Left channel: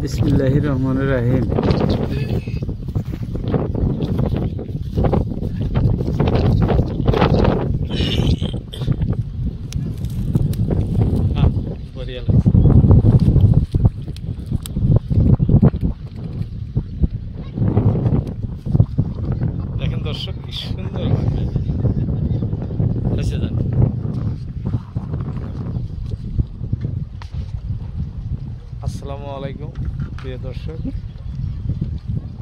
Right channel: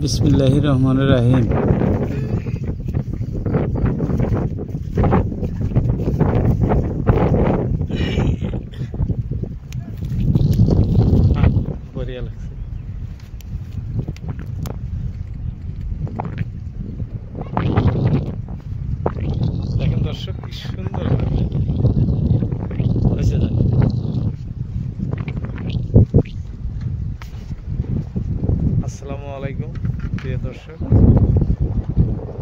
বিসমিল্লাহির রহমানির রহিম। বড়িয়া লাগছে। দেখেন দর্শক কি সুন্দর হয়েছে। জানি আসসালামু আলাইকুম প্রিয় দর্শক,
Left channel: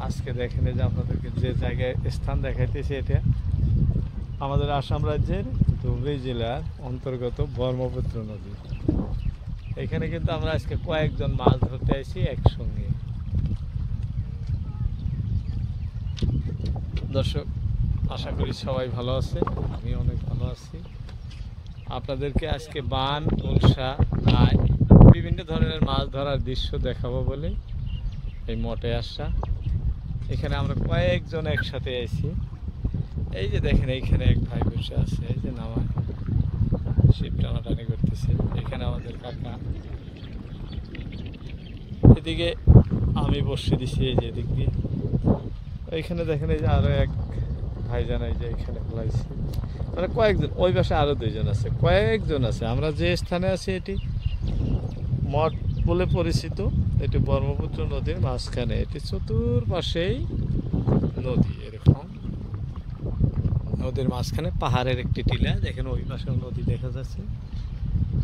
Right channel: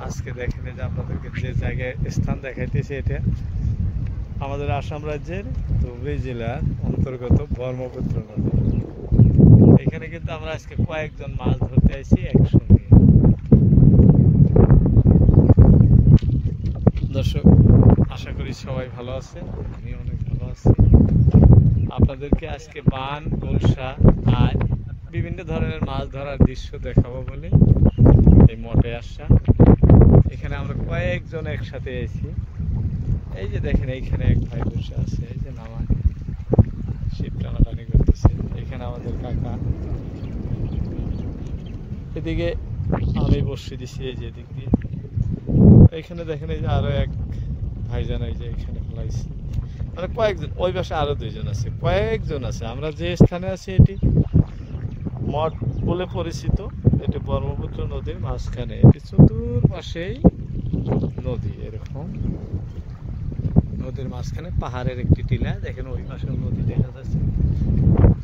আজকে দেখেন যে আপনাদেরকে যে জায়গায় স্থান দেখাইতেছি এটা আমাদের আসাম রাজ্যের ধুবড়ী জেলার অন্তর্গত ব্রহ্মপুত্র নদী। এখানে কিন্তু আমরা আজকে কয়েকজন মাছ ধরতে আসি একসঙ্গে। দর্শক আশা করি সবাই ভালো আছে, আমি অনেক ভালো আছি। আপনাদেরকে আজকে বান, গুলশা আর বিভিন্ন ধরনের মাছ ধরার দৃশ্য দেখাবো বলে এই মঠে আসা। এখানে আমরা কয়েকজন একসাথে আইছি। এই যে দেখেন এইখানে এক ভাই বসে আছে, এই যে নামায় শিব টানাটানি করতেছে। এখানে আমাদের কাকা, এদিকে আমি বসে দিছি এই যে এদিক দিয়ে। এইখানে দেখেন এই যে আরো এক ভাইজান এই যে এখানে ফেলাইছে, মানে কয়েকজন। ওই পাশে আরো দুইজন আছে, কয়েকজন আছে। আমরা যে স্থানে আছি এটি মঠ বলে পরিচিত। এটি ব্রহ্মপুত্র নদীর মাঝখানে, এটি চতুর্পাশেই নদী। এরকম নদীর মাঝখানে পাহাড়ের একটি টিলা, দেখেন ওই পাশেও নদী দেখা যাচ্ছে,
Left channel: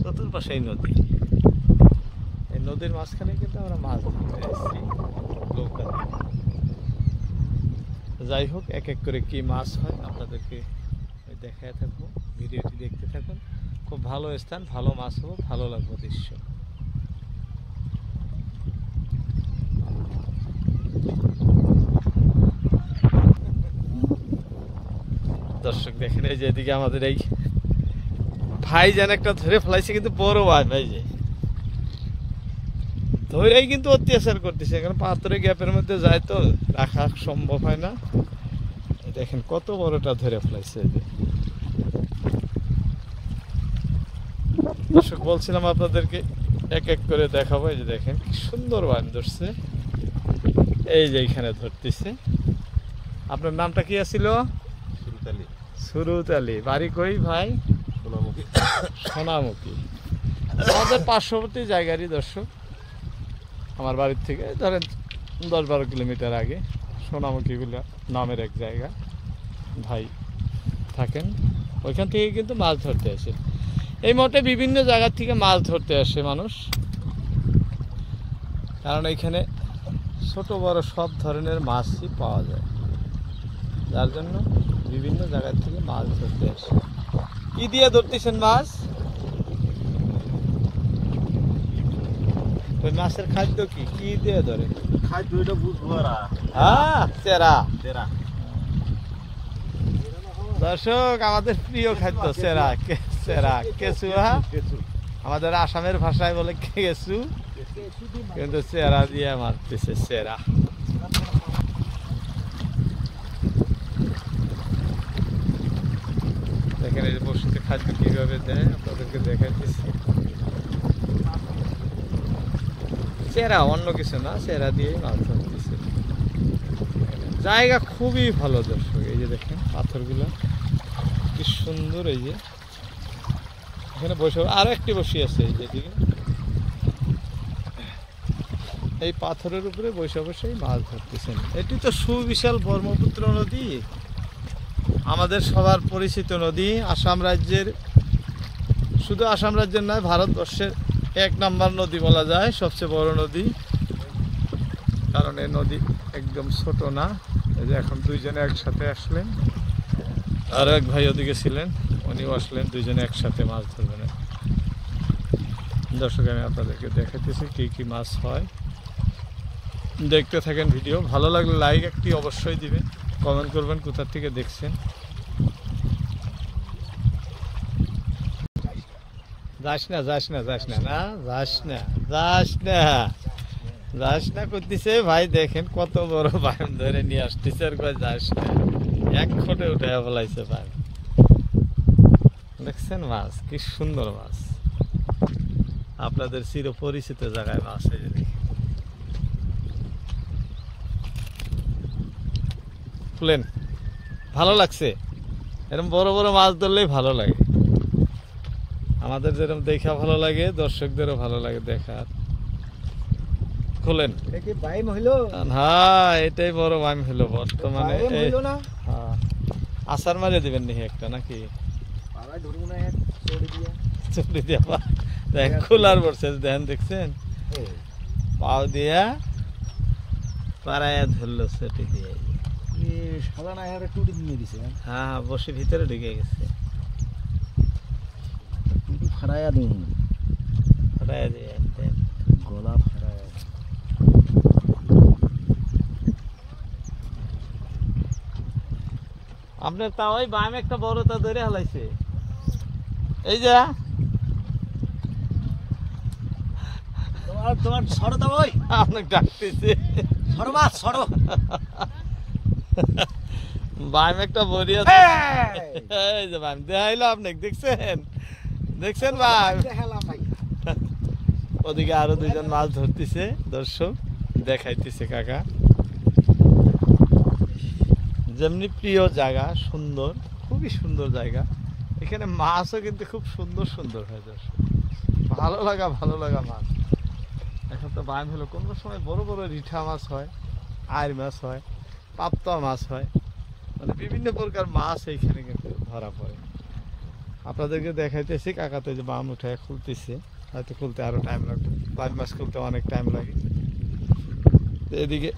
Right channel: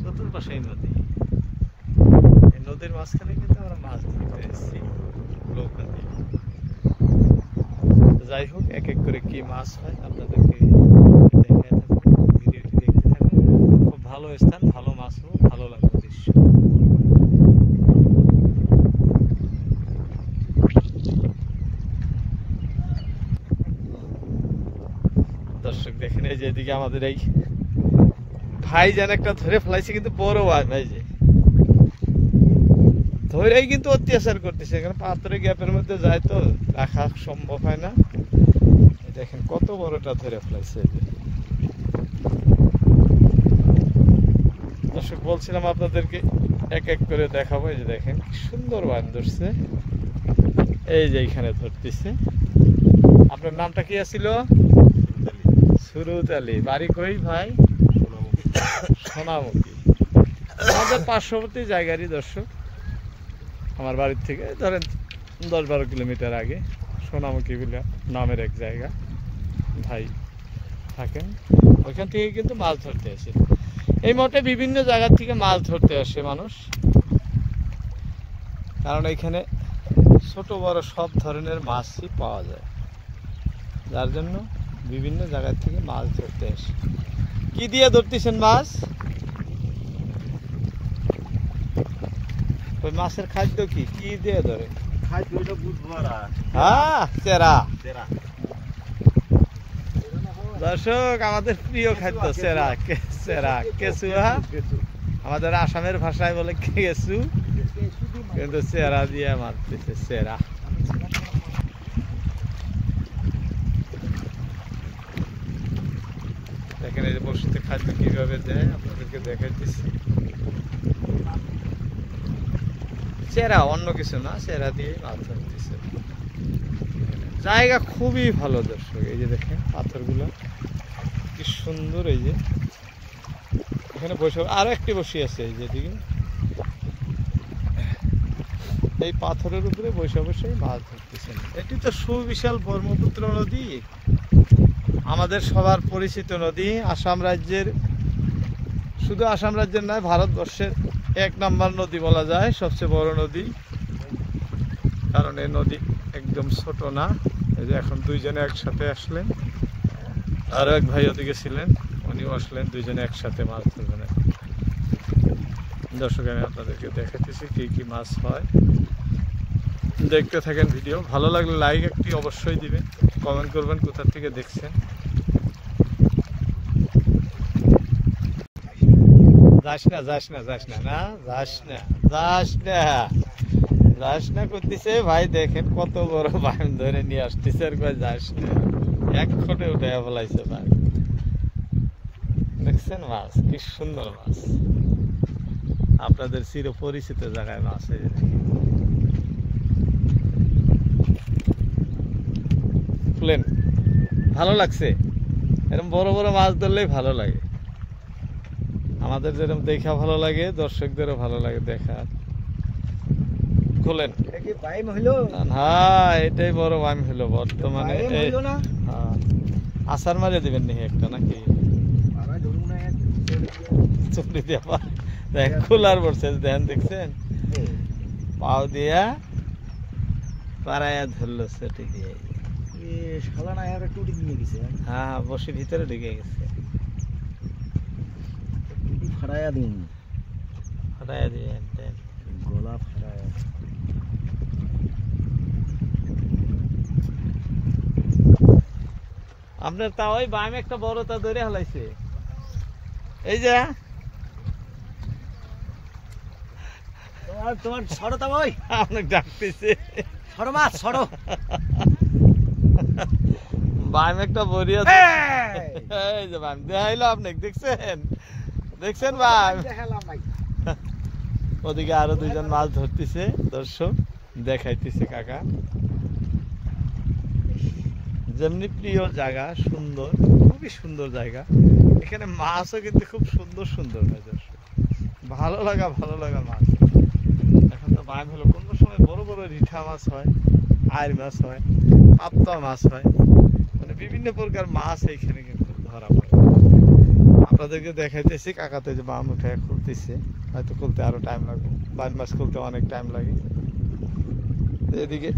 চতুর্পাশেই নদী। এই নদীর মাঝখানে কিন্তু আমরা মাছ ধরতে এসেছি নৌকা দিয়ে। যাই হোক, এক এক করে কি মাছ হয় আপনাদেরকে দেখায় থাকবো, ভিডিওটি দেখতে থাকুন। খুব ভালো স্থান, ভালো মাছ হবো, ভালো লাগবে দৃশ্য। দর্শক দেখেন এই যে এদিকে আমাদের এই ভাই যেন একটা ধরে ফেলাইছে, কিন্তু বড় ভাই যে ধরেই কিন্তু অত্যাচার করতেছে। এখানে পাথরের গ্যাপের মধ্যে যায় তো রাখা সম্ভব হয় না। দেখেন কত বড়টা ধরে ফেলাইছে। এই যে দর্শক বলছিলাম আপনাদেরকে এক এক করে দেখাবো। এই যে দেখেন কি সুন্দর বান ধরছে, এই যে এইখানে ধরতেছে। আপনার নামটা কি আছিল? সুরুত আলী। বাড়ি কই ভাই? সোনামুখী। আমাদের পার্শ্ববর্তী জায়গারই দর্শক। আমার বাড়ির থেকে ধরেন 10-12 কিলোমিটার আগে সোনামুখী বলে নামের এক জায়গা ভাই থাকেন। ওইখান থেকে কিন্তু মাছ ধরতে আসে। এই মঠে বিভিন্ন জায়গা থেকে মাছ ধরতে আসে মানুষ, কারণ এইখানে ছোট বড় সব ধরনের মাছই পাওয়া যায়, যার জন্য বিভিন্ন জায়গা থেকে মাছ ধরতে আসে। কি দিয়ে ধরতেছেন মাছ? ওই মাছের খাদ্য কি কি দিয়ে ধরে? খাদ্য এটা বুঝবো না। হ্যাঁ, চেরা। চেরা দর্শক আমাদের প্রিয় খাদ্য চেরা, চেরা কেঁচু। হ্যাঁ, আমাদের আসামের ভাষায় বলে কেঁচু, কিন্তু চেরা দিয়ে মারতেছে, চেরা। দেখেন এই যে বড়শিতে খাদ্য কিভাবে দেয় আপনাদেরকে দেখাইতেছি। চেরা, অন্য কিছু না, চেরা দিয়েই মাছ ধরতেছে। জায়গা খুবই ভালো দর্শক। এই যে দেখেন পাথরগুলো কি সুন্দর। এই যে এখানে বসে আরো একটি বসি আছে, এই যেদিকে এই পাথরের উপরে বসে বসে মাছ ধরতেছেন। এটি তো সুবিশাল ব্রহ্মপুত্র নদী, আমাদের সবার পরিচিত নদী। আসাম রাজ্যের, শুধু আসাম রাজ্যের নয়, ভারতবর্ষের 1 নম্বর নদী বলা যায়, সবচেয়ে বড় নদী। কারণ এই নদী একদম ছোট না। এই যে এখন দুইজনে একসাথে আসলেন, আরো এক ভাই ওদিকে ছিলেন, উনিও আসলেন, দুইজনে একসাথে মাছ ধরবেন। দর্শক আমি আপনাদেরকে দেখাতেছি কি কি মাছ হয়, দেখতে থাকেন ভিডিও। ভালো লাগলে লাইক একটি অবশ্যই দিবেন, কমেন্ট করবেন কোথা থেকে দেখছেন। যাস না যাস না যাস না, না যাস না যাস না যাস না করতেছে ভাই। দেখেন কত বড় বান ধরে নিয়ে আসতেছে, আর কয় যাস না। এক খোটে উঠে ফেলাইছে ভাই। দেখছেন মাছ কি সুন্দর মাছ, আপনাদের চিরপরিচিত জায়গায় মাছ। এই যে খুলেন, ভালো লাগছে? এরকম বড় বড় মাছ ধরলেই ভালো লাগে, আমাদের যেরকম দেখা ভালো লাগে দর্শকদেরও ভালো লাগে দেখার। খুলেন। হ্যাঁ, এটাই বড় বাইম হলো বর্তমানে। হ্যাঁ, আসার মারে দিবেন নি একটা নাকি চলে দিয়া দেখেন খোলার পড়ছে, দেখেন দেখছেন পাও দিয়া পাড়াইয়া ধরলো সেটি দিয়ে। হ্যাঁ, বসে ভিতরে ঢুকে গেছে। ফাড়াইয়া দিন, ফাটাইয়া দিয়ে দেন গলা ফাড়াইয়া। আপনার তা ওই বাম একটা বড় তা ধরে হালাইছে, এই যে তোমার সরতা ওই আপনাকে ডাকতেছে, সরো মাছ সরো। বাম একটা বড়ি আছে, এই যে বাম দেখাইলো আপনাকে, দেখছেন দেখছেন বাম। ওদিকে আরো দুইজন মাছ ধরতেছে, দর্শক দেখাইতেছে কাকা। যেমনি প্রিয় জায়গা, সুন্দর, খুবই সুন্দর জায়গা। এখানে মাছও কিন্তু খুব সুন্দর সুন্দর হয় দর্শক, ভালো লাগা মাছ। এখন তো বাম হলো, কোনো সময় বড় বড় রিঠা মাছ হয়, আইর মাছ হয়, পাপ্তা মাছ হয়, মানে বিভিন্ন প্রকার মাছ এইখানে কিন্তু ধরা পড়ে। আপনাদেরকে দেখাইতেছি, কাকাতে যে বাম উঠায় খুলতেছে, হয়তো খুলতে আরো টাইম লাগবে, বাম মাছ খুলতে অনেক টাইম লাগে। এদিকে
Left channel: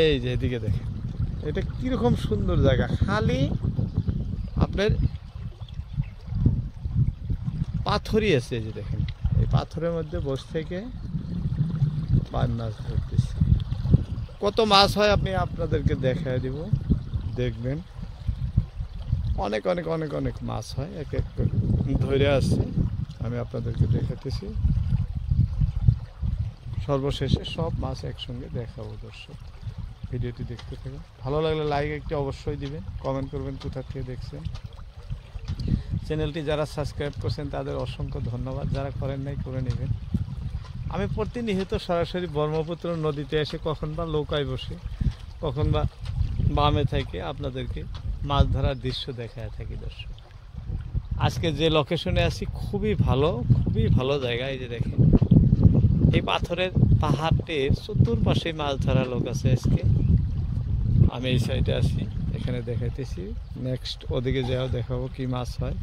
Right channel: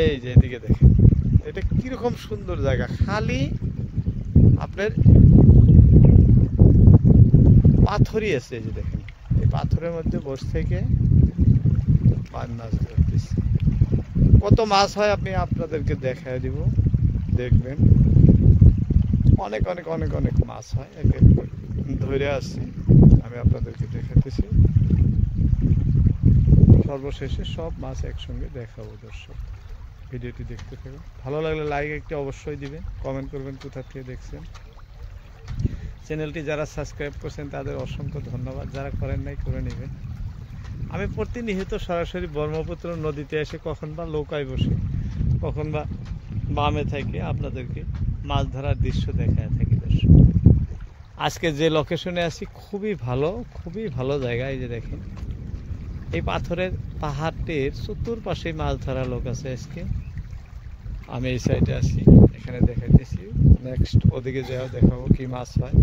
এই যে এদিকে দেখেন, এটা কিরকম সুন্দর জায়গা, খালি আপনার পাথরই আছে। এই যে দেখেন, এই পাথরের মধ্যে বসে থেকে বাম মাছ ধরতেছে। কত মাছ হয় আপনি আপনাদেরকে দেখাই দিব, দেখবেন অনেক অনেক অনেক অনেক মাছ হয়, এক এক ধরে আসছে, আমি আপনাদেরকে দেখাতেছি। সর্বশেষে সব মাছ একসঙ্গে দেখাবো দর্শক, ভিডিওটি দেখতে থাকুন। ভালো লাগলে লাইক একটি অবশ্যই দিবেন, কমেন্ট করবেন কোথা থেকে দেখছেন। চ্যানেলটি যারা সাবস্ক্রাইব করছেন তাদের অসংখ্য ধন্যবাদ, যারা করেন নাই করে নেবেন। আমি প্রতিনিয়ত সরাসরি ব্রহ্মপুত্র নদীতে এসে কখন বা নৌকায় বসে, কখন বা বামে থেকে আপনাদেরকে মাছ ধরার দৃশ্য দেখায় থাকি দর্শক। আজকে যে লোকেশনে আছি খুবই ভালো জায়গা। এই যে দেখেন, এই পাথরের পাহাড়টির চতুর্পাশে মাছ ধরা লোক আছে। আজকে আমি এই সাইডে আছি, এখানে দেখাইতেছি, নেক্সট ওদিকে যাও দেখাবো কি মাছ হয়।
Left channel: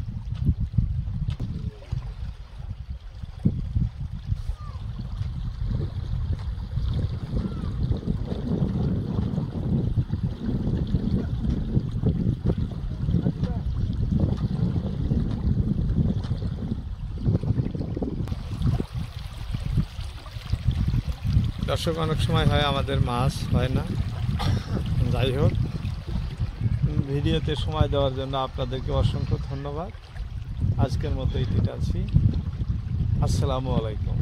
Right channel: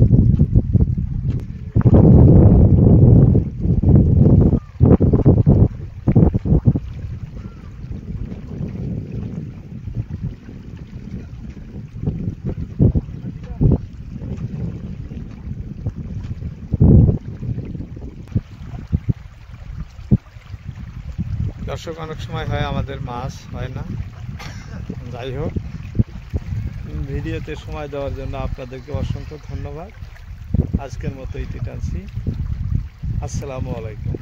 দর্শক, অনেক সময় হয় আমাদের মাছ হয় না, যাই হোক, ভিডিওতে সময় দেওয়ার জন্য আপনাদেরকে অসংখ্য ধন্যবাদ। আজকের মতো ইতি টানছি। আসসালামু আলাইকুম।